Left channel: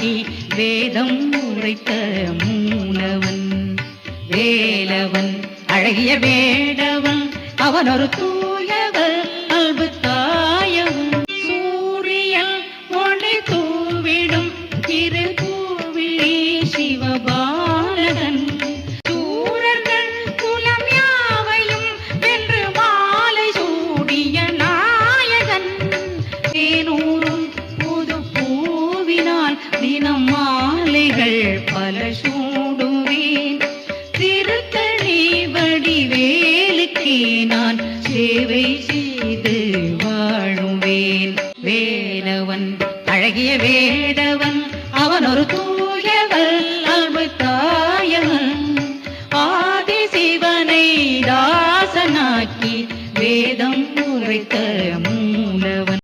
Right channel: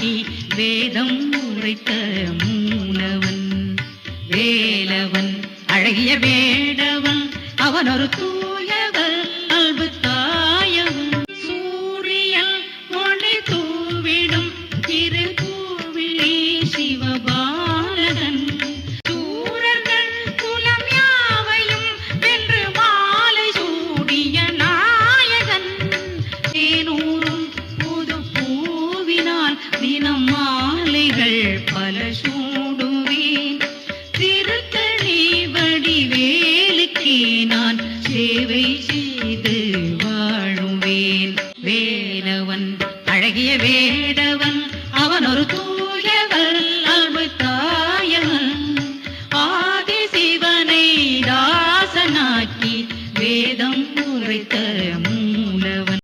காட்டி வேதம் உரைத்த மூலவன் வேலவன் அழகிய வேடவன் அவன் ஒரு தூயவர் அன்பு தாயவன் சூரியன் ஒளி தூவிடும் திருப்பூவிலே சிவபாலகன் சூரர்கள் குலம் யாவையும் வென்று மாலை சூடிய நாயகன் தேனூரும் புது பூவினால் தினம் மாலைகள் பல சூடுவேன் திருக்கணி வடிவேலுக்கு நான் சேவை செய்து வாழுவேன் வேலவன் அழகிய வேடவன் அவன் ஒரு